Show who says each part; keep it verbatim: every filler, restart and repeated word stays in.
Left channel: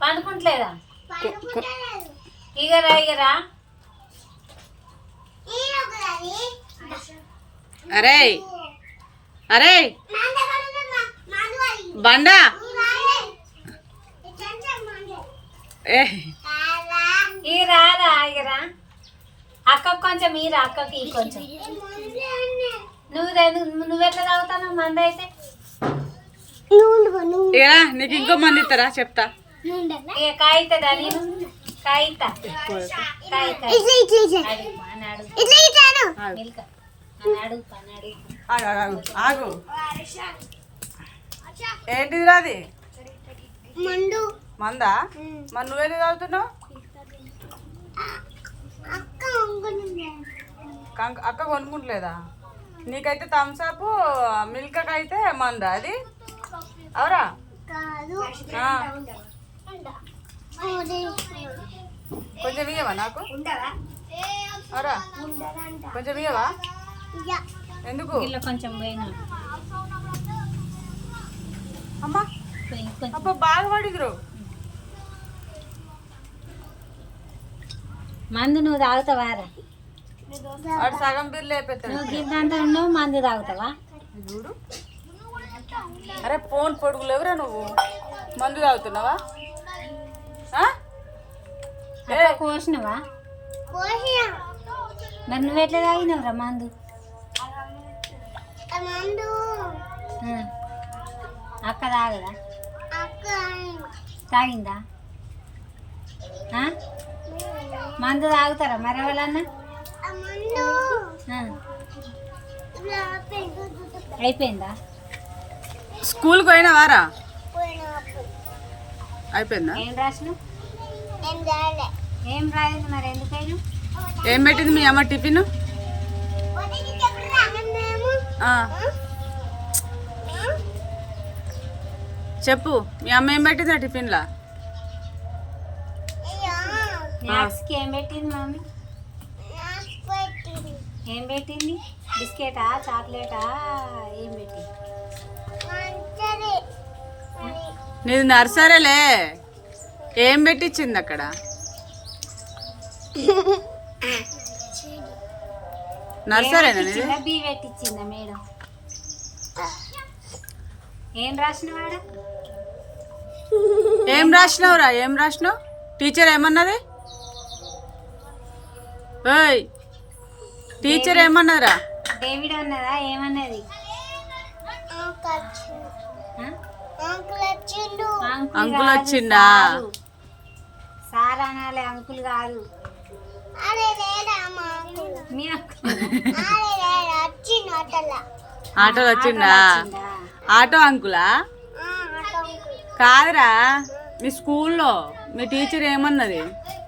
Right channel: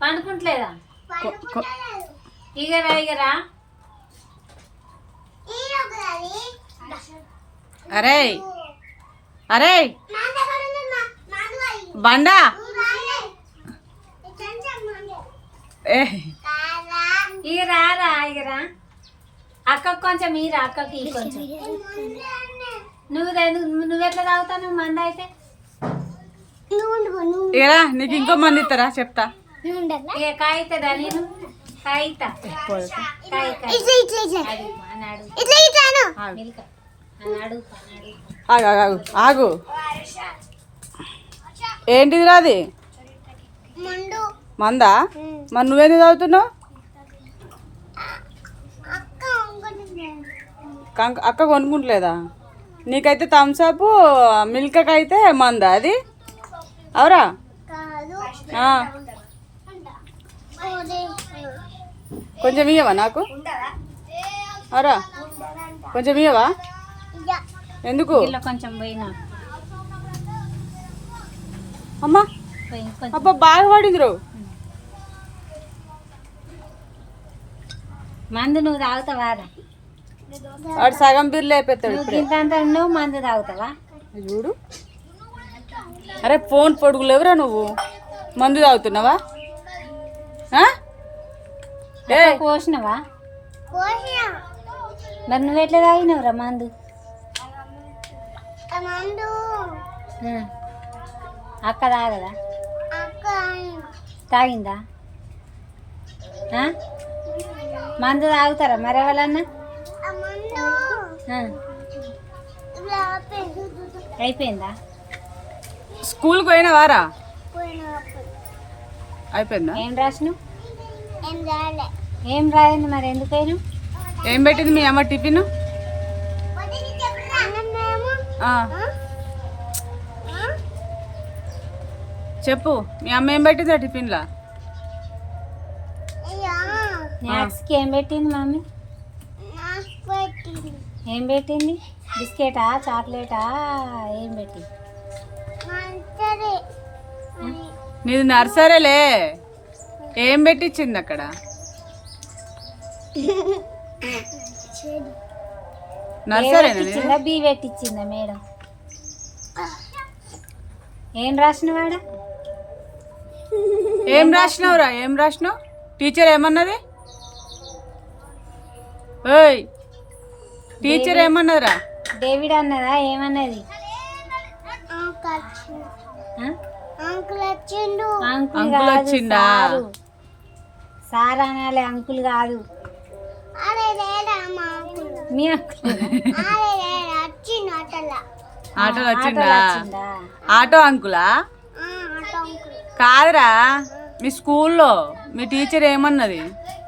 Speaker 1: పండుకుంటలేదా? ఇగరా ఇగరా.
Speaker 2: అరే అరే బండా
Speaker 1: ఇగరా రా ఇగరా. అక్కకు కొంచెం ఈరా, అక్కకి కొంచెం. నువ్వు నువ్వెట్లా తాగుతావు మంద అయితే?
Speaker 2: ఇగరా నీకు ఇంకో మంది ఇస్తారా చెప్తా.
Speaker 1: ఇక కాయితదా? నేను కాయితా.
Speaker 2: ఆగు ఆగు. ఏంటిది రాది మందా? మరి నువ్వేంది తాగుతున్నావు? అక్క కొనుక్కుంటలేదా? నీకైతే థమ్స్అప్, మిల్క్ అయితే మందా అది? అవురా? కొంచెం ఇయ్యవా నాకు? అవురా కొంచెం ఇయ్యవా? ఎందుకు?
Speaker 1: కొంచెం పోయినా
Speaker 2: అమ్మా. అబ్బా బాగా పడింది రో.
Speaker 1: మందు నువ్వు తాగుతావారా?
Speaker 2: వాడు సగం బిర్లు అయిపోతాడు.
Speaker 1: నువ్వు మందు తాగుతావా?
Speaker 2: చూడు. అరే ఫోన్ పొడుగులేవురా నువ్వు. మందు తాగుతున్నావా?
Speaker 1: కోసినవా? మరి నువ్వు ఎట్లా తాగినవురా మందు? అక్క తాగదా? తాగిందా? మందు తాగుతారా మరి ఎవరన్నా? అయిపోయిందా?
Speaker 2: స్కూల్కి పోయినావారా? అయిపోయిందా?
Speaker 1: ఏం రాసినావు? ఏం రాదండి మరి ఎందుకైనా?
Speaker 2: ఏం పెట్టింది మీ అమ్మ టిఫిన్? చెప్పు, మీ అమ్మ ఏం పెట్టిందా టిఫిన్లా?
Speaker 1: స్నాక్స్కి ఏం పెట్టింది మమ్మీ? ఏం పెట్టింది? బిస్కెటా, చాక్లెటా, ఏం పెట్టింది?
Speaker 2: నీది నర్సరీలే. ఏం పెట్టించింది అక్కడ? నర్సరీనా?
Speaker 1: బీ పెట్టించిందా మేడం? ఏం రాసినవాడా?
Speaker 2: ఏం రాసినావురా? ఏం రాసినావు? టీచర్ ఏమన్నది? ఓయ్ టీచర్ ఏమన్నదిరా?
Speaker 1: డేవిడ్ అన్నదా? ఏమన్నది?
Speaker 2: అంకుల్ వచ్చిండా?
Speaker 1: సార్ అనాలే, అంకుల్ కాదు. మీ
Speaker 2: ఆటోలో వచ్చిండా? ఆటో అంకులా? కాదురా, మీ స్కూల్లో మీ టీచర్ ఏమన్నది?